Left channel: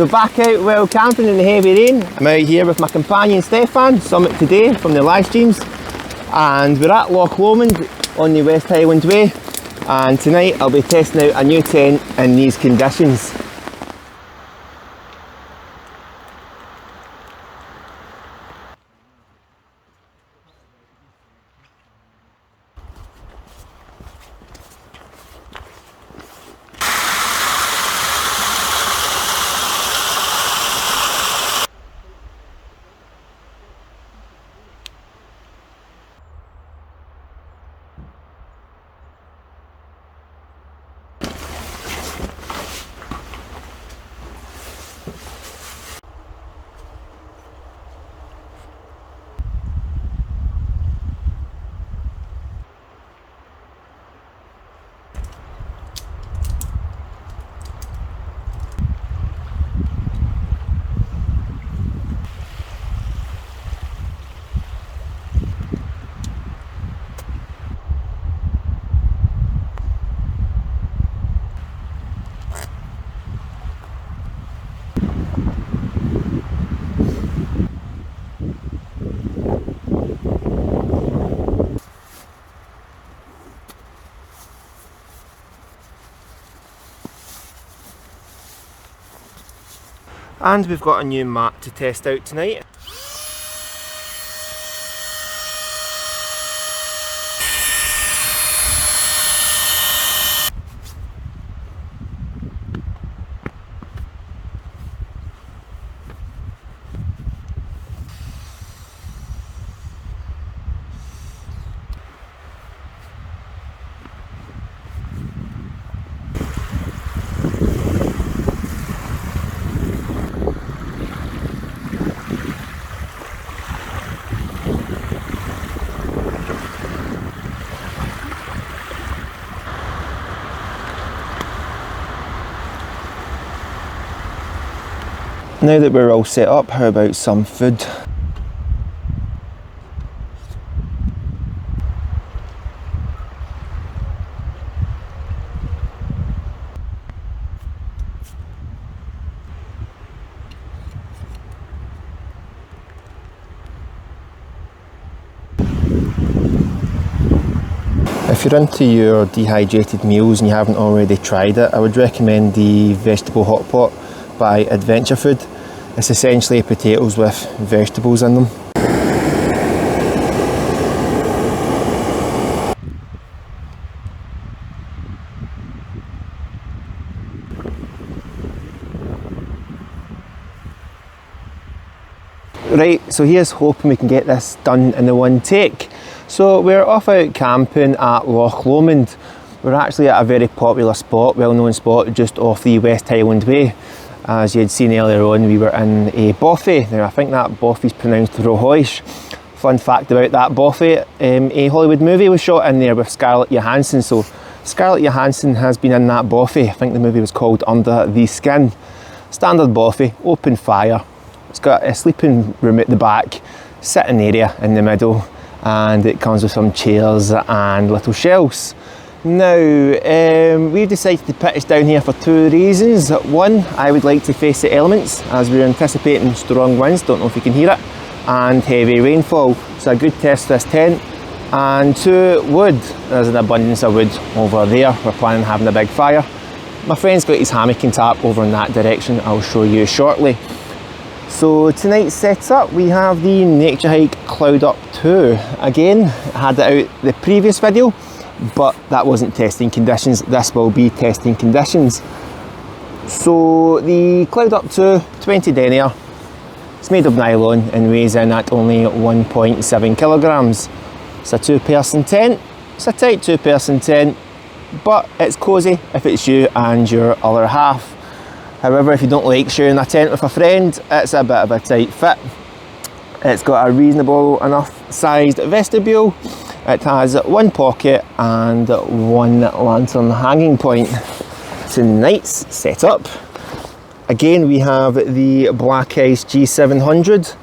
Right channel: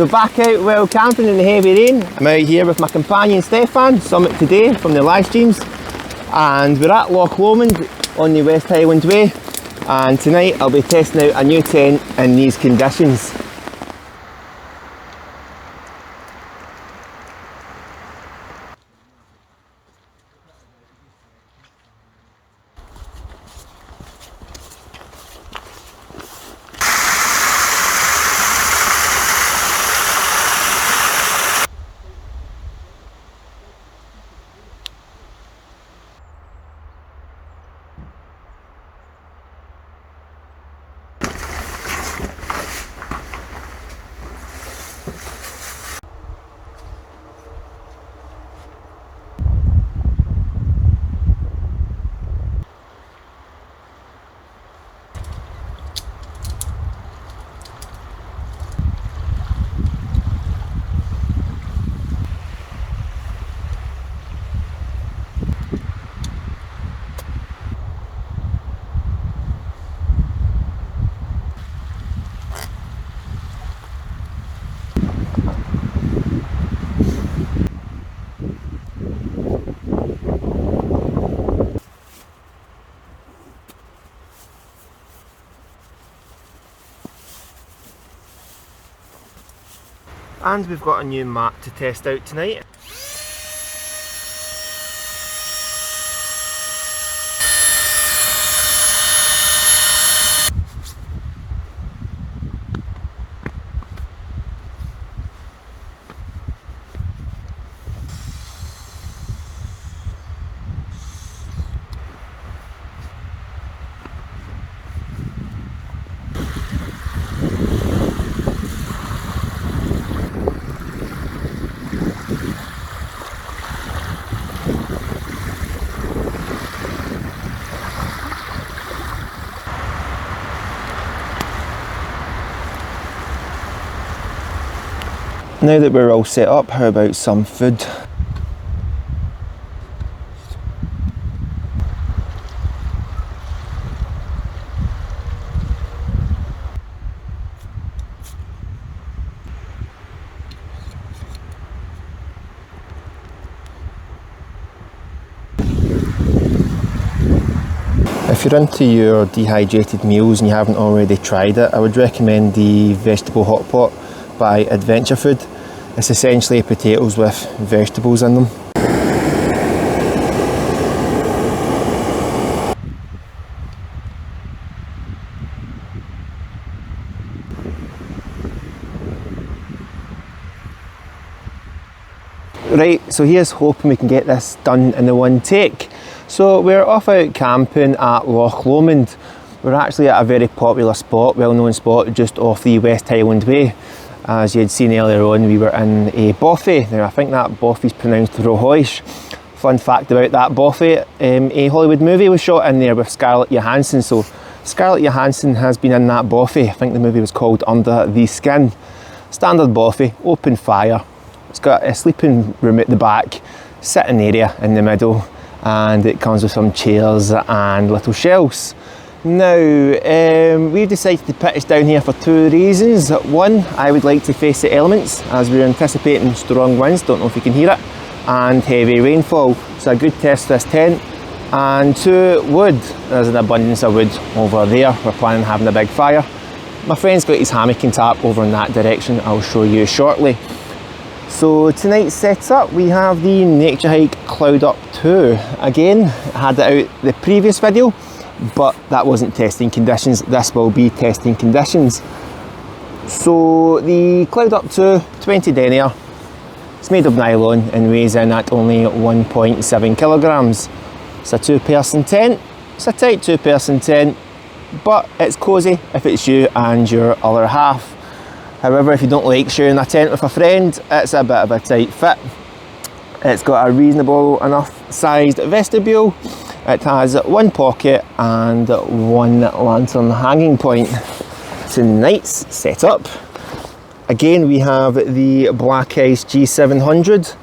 So back out while camping in the heavy rain. I'm out here with my companion Stephan, Summit Tae Dae from the live streams. And we're at Loch Lomond on the West Highland Way. And tonight I'll be testing out a new tent in these conditions. And we've got a new mat to test out tonight. Now that we're all set up, how about some food? If you're into your dehydrated meals and you haven't already tried it, I would recommend the vegetable hot pot by Adventure Food. It's essentially potatoes with vegetables in them. Right, so here's hoping we can get this done in the one take. So we're off out camping at Loch Lomond. We're actually at a very popular spot, well-known spot, just off the West Highland Way. As you had seen earlier on, we were in a bothy. Now I think that bothy is pronounced Rowchoish. Fun fact about that bothy, a Hollywood movie was shot in there with Scarlett Johansson. So Scarlett Johansson has been in that bothy. I think the movie was called Under the Skin. Standard bothy, open fire. It's got a sleeping room at the back, sitting area in the middle, and it comes with some chairs and little shelves. Now, we've decided to pitch down here for two reasons. One, I would like to face the elements as we're anticipating strong winds, don't know if you can hear it, and heavy rainfall. So a good test for this tent. And two, wood. There's an abundance of wood over there. We're planning on having a big fire. My friend's got his hammock and tarp over in that direction. I'll show you shortly. So tonight's setup, we have the NatureHike Cloud Up 2. Again, I had it out the previous video, but that wasn't testing conditions. This will be testing conditions. So the Cloud Up 2, 20 denier. It's made of nylon and weighs in at only 1.7 kilograms. It's a two-person tent. It's a tight two-person tent, but it's cosy if it's you and your other half. However, if you don't like sharing a tent with a friend, it's a bit of a tight fit. It's got a reasonable enough sized vestibule. It has one pocket and one lantern hanging point. Tonight's setup, again we have the Black Ice G700.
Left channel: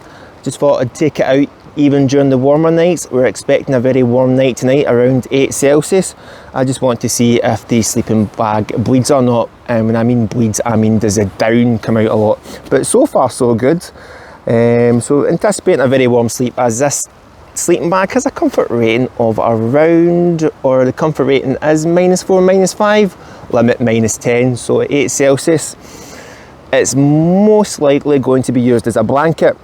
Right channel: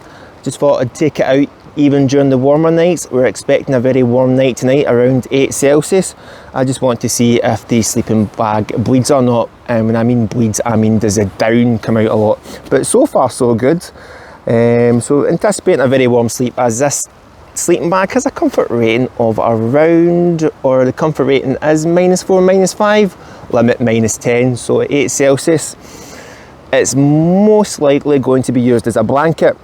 Just thought I'd take it out even during the warmer nights. We're expecting a very warm night tonight, around 8 Celsius. I just want to see if the sleeping bag bleeds or not. and when I mean bleeds, I mean does the down come out a lot. But so far so good. So anticipating a very warm sleep, as this sleeping bag has a comfort rating of around, or the comfort rating is -4, -5, limit -10, so at 8 Celsius. It's most likely going to be used as a blanket.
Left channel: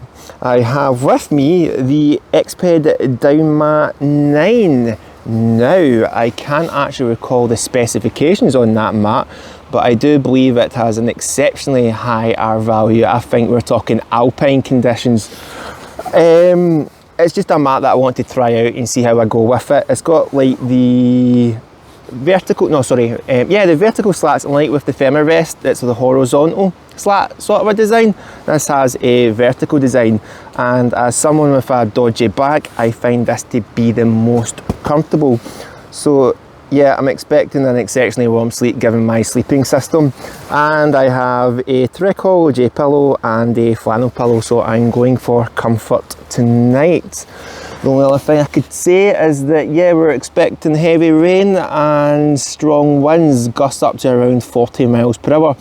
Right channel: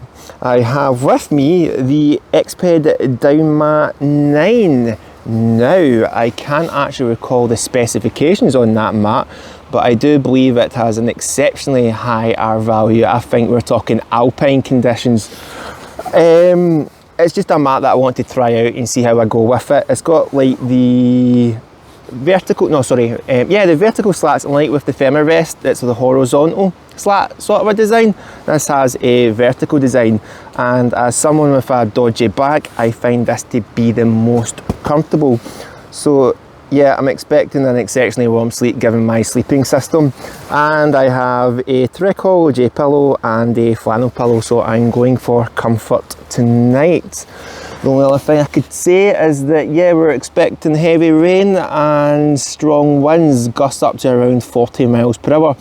I have with me the Exped Down Mat 9. Now, I can't actually recall the specifications on that mat, but I do believe it has an exceptionally high R value. I think we're talking alpine conditions. It's just a mat that I want to try out and see how I go with it. It's got like the vertical, the vertical slats, like with the Femirest, it's the horizontal slat sort of a design. This has a vertical design, and as someone with a dodgy back, I find this to be the most comfortable. So yeah, I'm expecting an exceptionally warm sleep given my sleeping system. And I have a Trichology pillow and a flannel pillow, so I'm going for comfort tonight. The only other thing I could say is that, yeah, we're expecting heavy rain and strong winds, gusts up to around 40 miles per hour.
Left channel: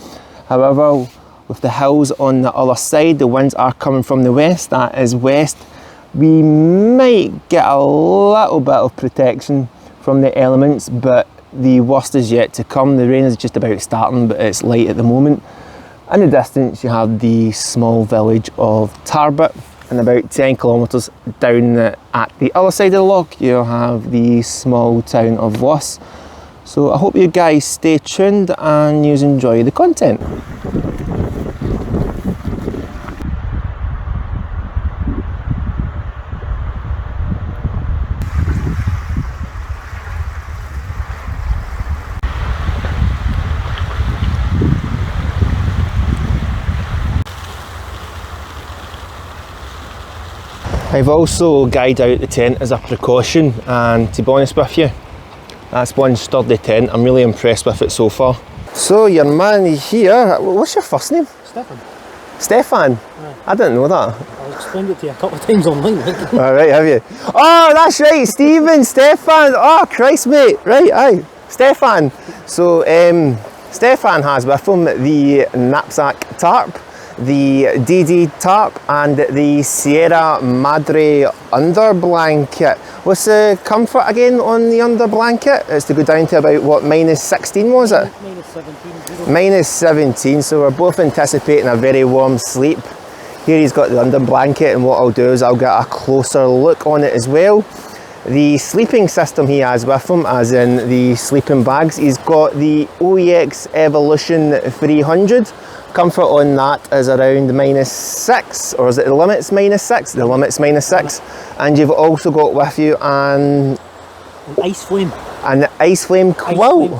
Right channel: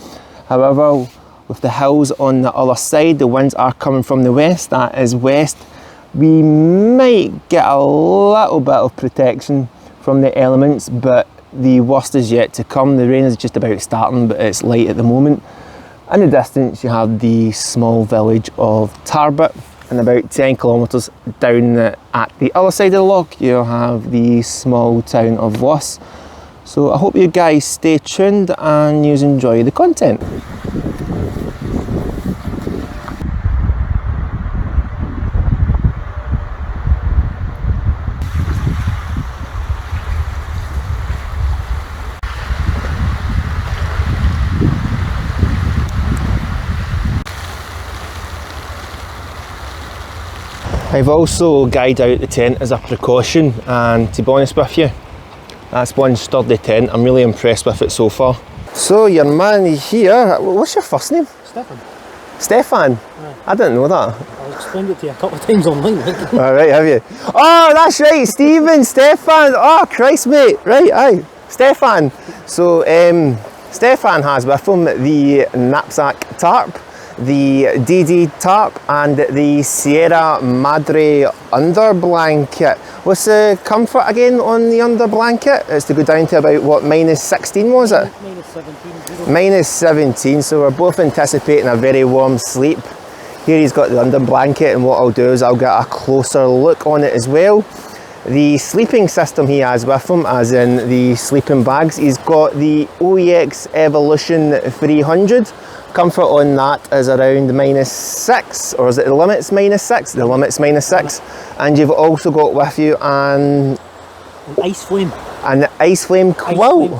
However, with the hills on the other side, the winds are coming from the west, that is west. We might get a little bit of protection from the elements, but the worst is yet to come. The rain is just about starting, but it's light at the moment. In the distance, you have the small village of Tarp, and about 10 kilometres down at the other side of the loch, you'll have the small town of Luss. So I hope you guys stay tuned and you enjoy the content. I've also guyed out the tent as a precaution, and to be honest with you, that's one sturdy tent. I'm really impressed with it so far. So your man here, what's your first name? Stephan. Stephan? Aye. I didn't know that. I've explained it to you a couple of times online. Alright, have you? Oh, that's right, Stephen, Stephan. Oh, Christ, mate. Right, aye. Stephan. So, Stephan has with him the knapsack tarp, the DD tarp, and the Sierra Madre under blanket. What's the comfort again on the under blanket? It's to go down to about, what, -16 was it? -17. -17, so we're both anticipating a very warm sleep. Here he's got the under blanket, and what I'll do is I'll get a closer look on it as well. The sleeping system he has with him, as in the sleeping bags, he's got the OEX Evolution 300. Comfort on that is around -6, or is it the limit's -6? The limit's -6. And you've also got with you an ice flame. An ice flame quilt.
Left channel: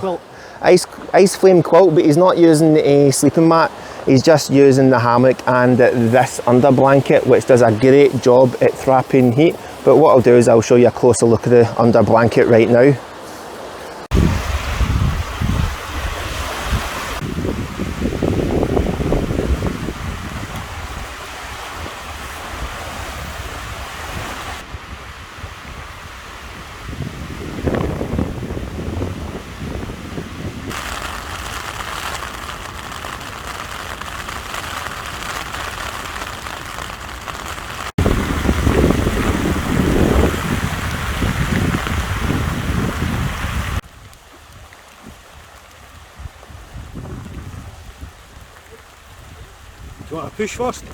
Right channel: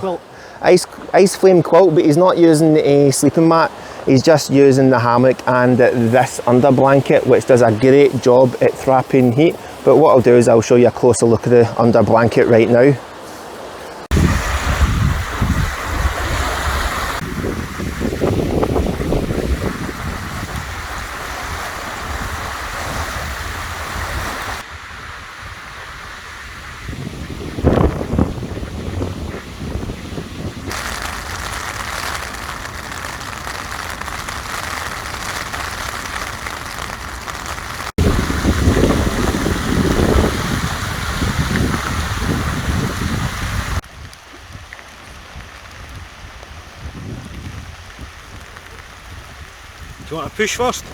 Ice flame quilt, but he's not using a sleeping mat. He's just using the hammock and this under blanket, which does a great job at trapping heat. But what I'll do is I'll show you a closer look at the under blanket right now. Do you want to push first?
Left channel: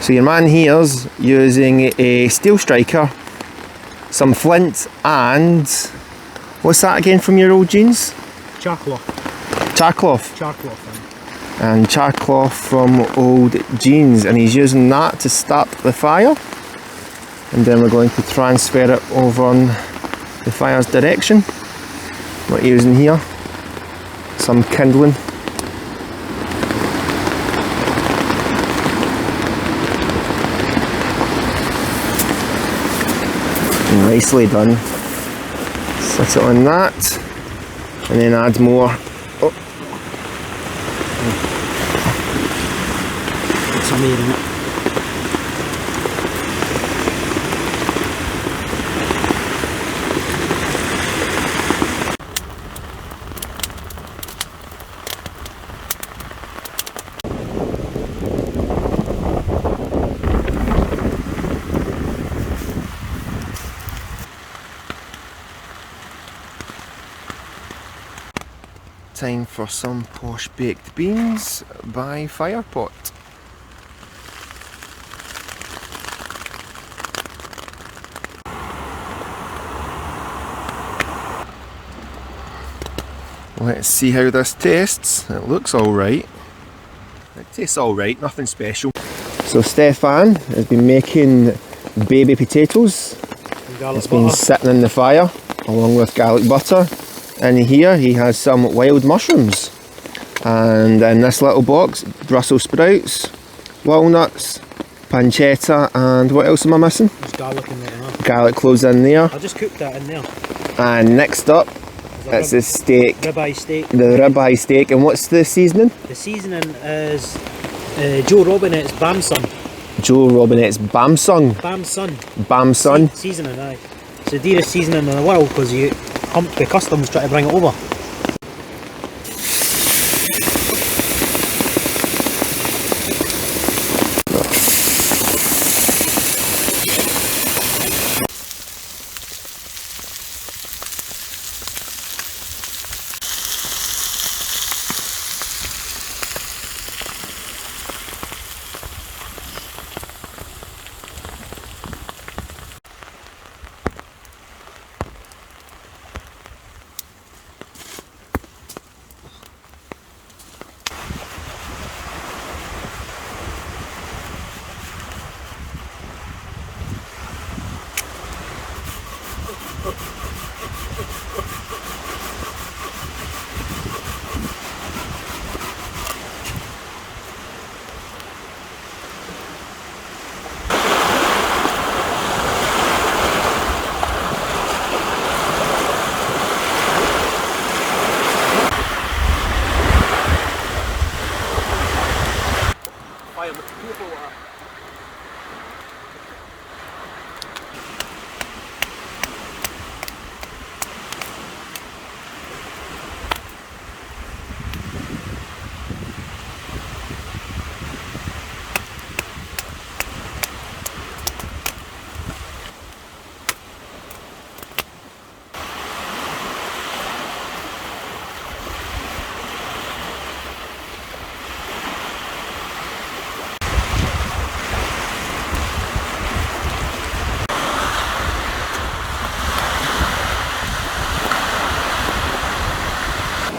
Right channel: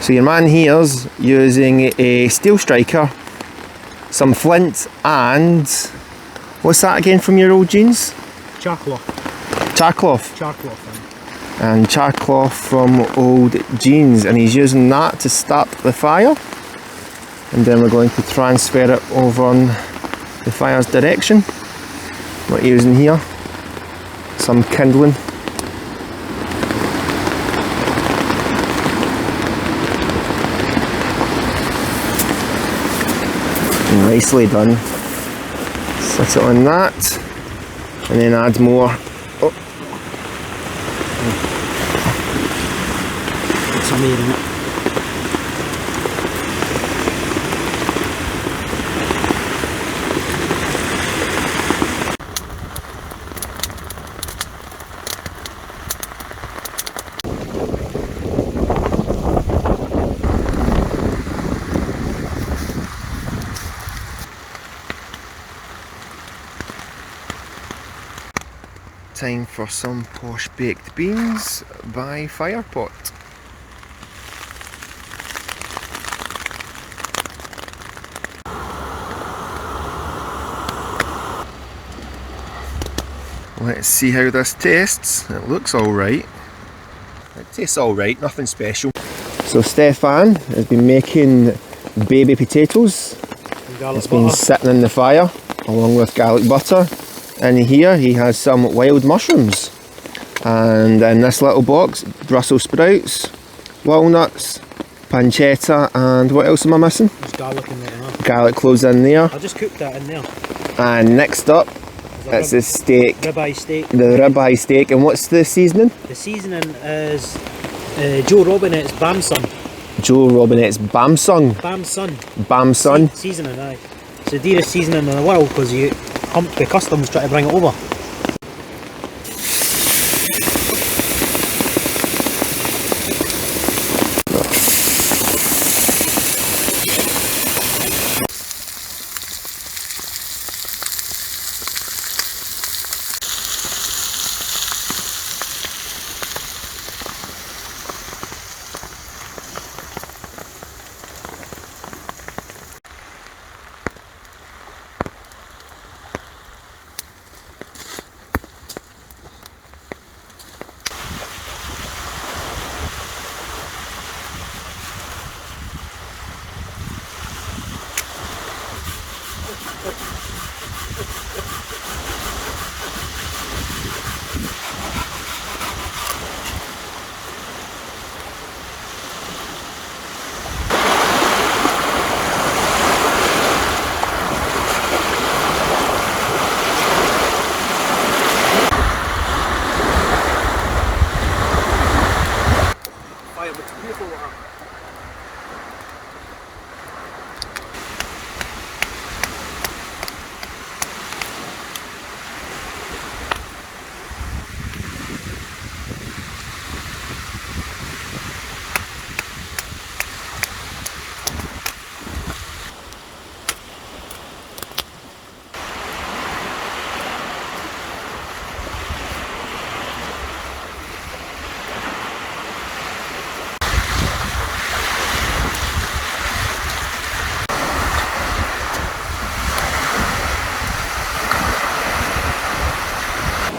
So your man here's using a steel striker, some flint, and what's that again from your old jeans? Charcloth. Charcloth. Charcloth. And charcloth from old jeans, and he's using that to start the fire, and then we're going to transfer it over on the fire's direction. What we're using here, some kindling. Nicely done. Set it on that, and then add more. Oh. Put some air in it. Time for some posh baked beans by Firepot. Let's see how this tastes. It looks alright. It tastes alright, nothing special. So Stephan has been making baby potatoes. It's been sitting in the fire along with garlic butter. In here he has some wild mushrooms, and in this little box Brussels sprouts, walnuts, pancetta, and what else am I missing? There's garlic in there. Garlic cloves in there. I just cooked that in there. And next up it's the steak. Ribeye steak. The ribeye steak. And what's the seasoning? The seasoning is Joe Robinette's Bamson. Joe Robinette's Bamson. Bamson. Bamson. Seasoning, aye. It's the dearest seasoning in the world because you humped the customs trying to bring it over.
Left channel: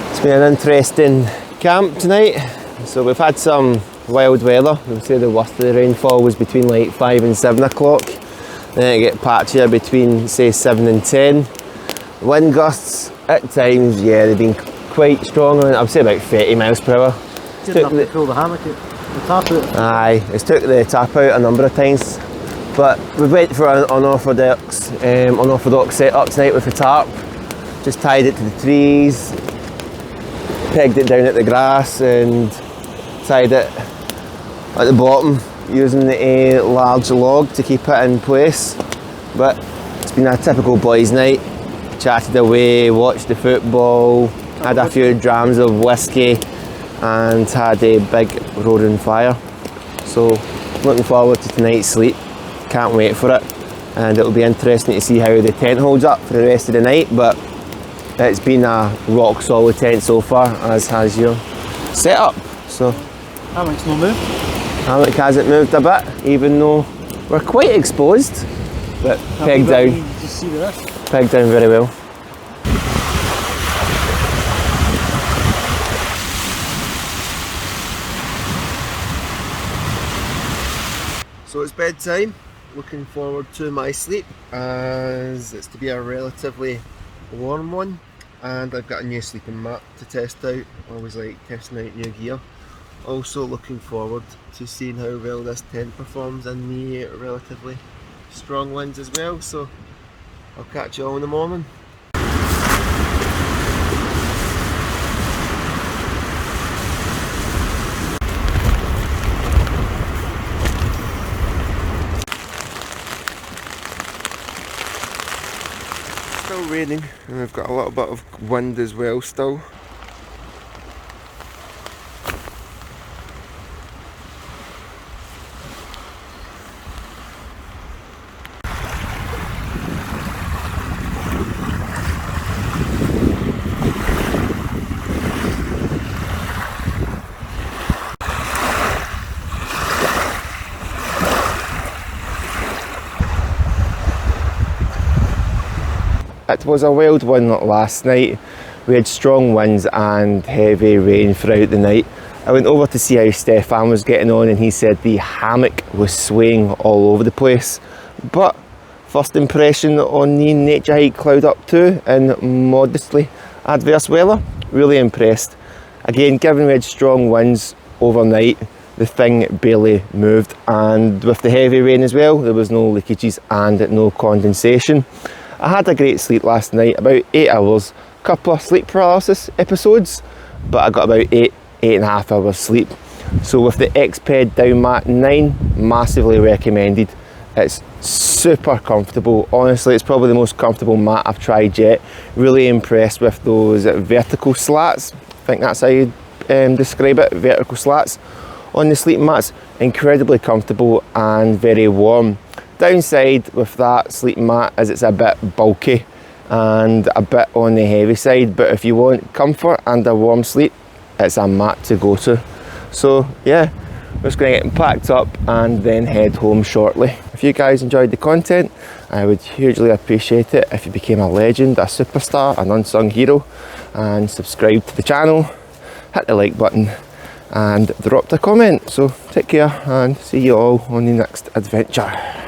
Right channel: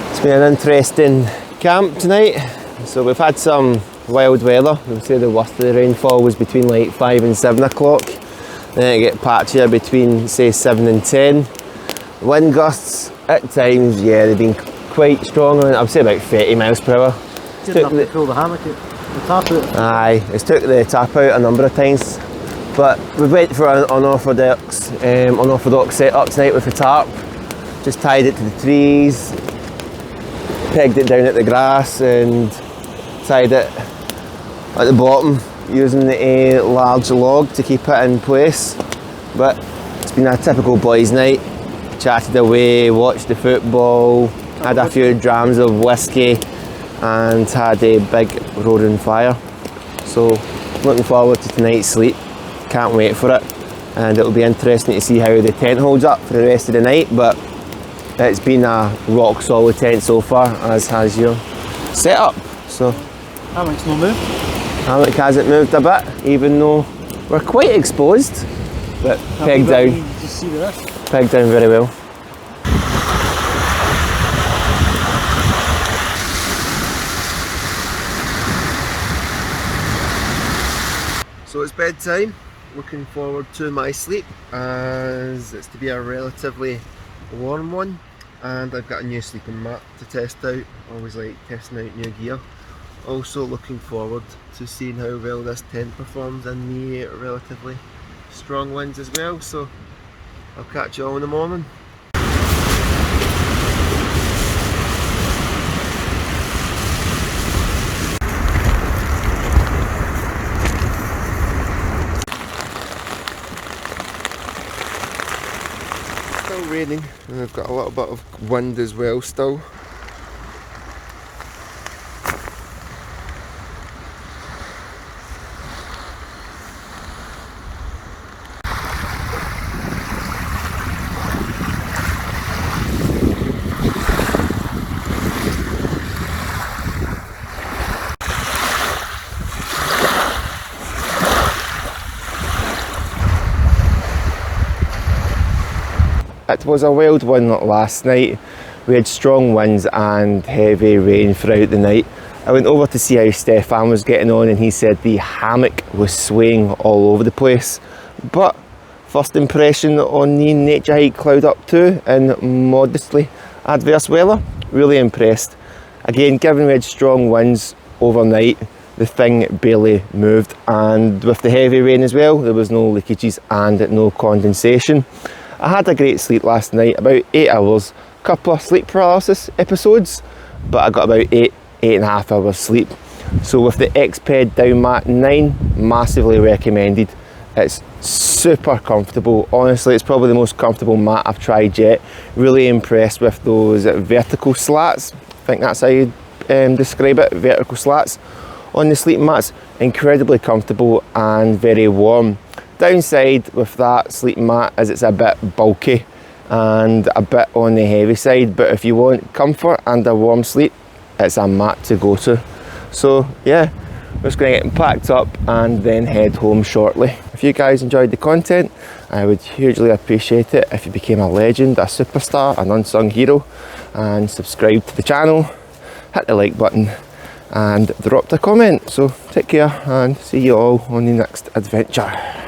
It's been an interesting camp tonight. So we've had some wild weather. I would say the worst of the rainfall was between like 5 and 7 o'clock. Then it get patchier between say 7 and 10. Wind gusts at times, yeah, they've been quite strong. I would say about 30 miles per hour. Didn't have to pull the hammock out, the tarp out. Aye, it's took the tarp out a number of times. But we went for an unorthodox setup tonight with the tarp. Just tied it to the trees, pegged it down at the grass and tied it at the bottom using a large log to keep it in place. But it's been a typical boys' night. Chatted away, watched the football, had a few drams of whiskey and had a big roaring fire. So looking forward to tonight's sleep, can't wait for it, and it'll be interesting to see how the tent holds up for the rest of the night. But it's been a rock solid tent so far, as has your setup. So Hammock's not moved. hammock hasn't moved a bit, even though we're quite exposed, but pegged down. Just see the rest. Pegged down very well. So it's bedtime. Looking forward to my sleep, as it's to be a relatively warm one, and I've got a new sleeping mat to test out. Always like testing out new gear. Also looking forward to seeing how well this tent performs in the relatively strong winds as well. So I'll catch you all in the morning. Still raining, and we've got a little bit of wind as well still. It was a wild one last night. We had strong winds and heavy rain throughout the night. I went over to see how Stephan was getting on, and he said the hammock was swaying all over the place. But first impression on the NatureHike Cloud Up 2 in modestly adverse weather, really impressed. Again, given we had strong winds overnight, the thing barely moved, and with the heavy rain as well, there was no leakages and no condensation. I had a great sleep last night, about 8 hours, couple of sleep paralysis episodes, but I got about 8.5 hours sleep. So with the X-Ped Down Mat 9, massively recommended. It's super comfortable. Honestly, it's probably the most comfortable mat I've tried yet. Really impressed with those vertical slats. I think that's how you describe it, vertical slats on the sleeping mats. Incredibly comfortable and very warm. Downside with that sleeping mat is it's a bit bulky and a bit on the heavy side, but if you want comfort and a warm sleep, it's a mat to go to. So yeah, we're just going to get packed up and then head home shortly. If you guys enjoyed the content, I would hugely appreciate it if you became a legend, a superstar, an unsung hero, and subscribe to the channel, hit the like button and dropped a comment. So take care and see you all on the next adventure.